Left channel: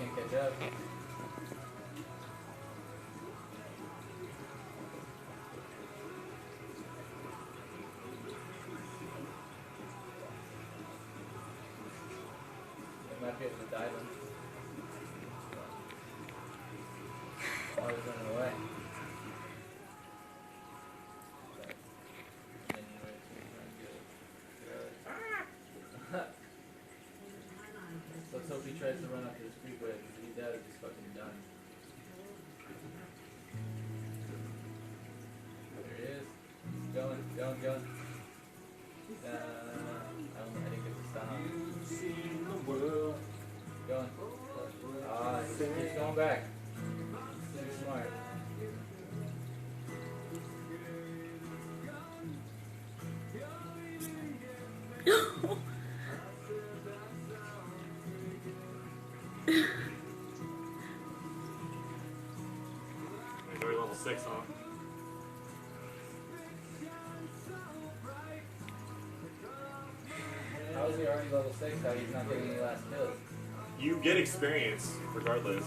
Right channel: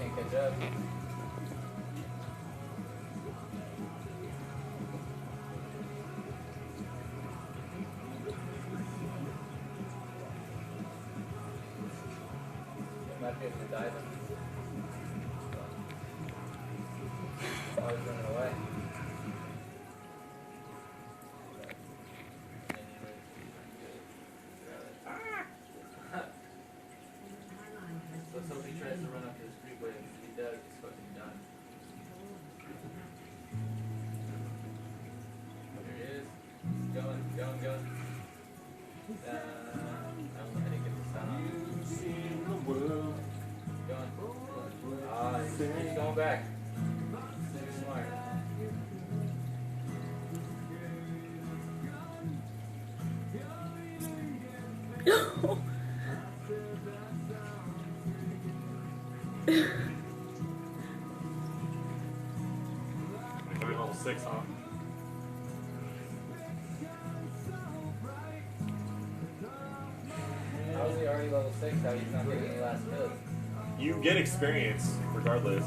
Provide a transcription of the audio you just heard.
can't catch up. Not good for diving. Oh, he's running away. Let's hope he tries to run up to the street bridge. If he does, he's fucking done. There he is. Going. I didn't get the stop. Going. Ah, he's going back. Too smart. We're level 6, huh? How is he already level 6? How he's not getting the last kill? You get experience regardless.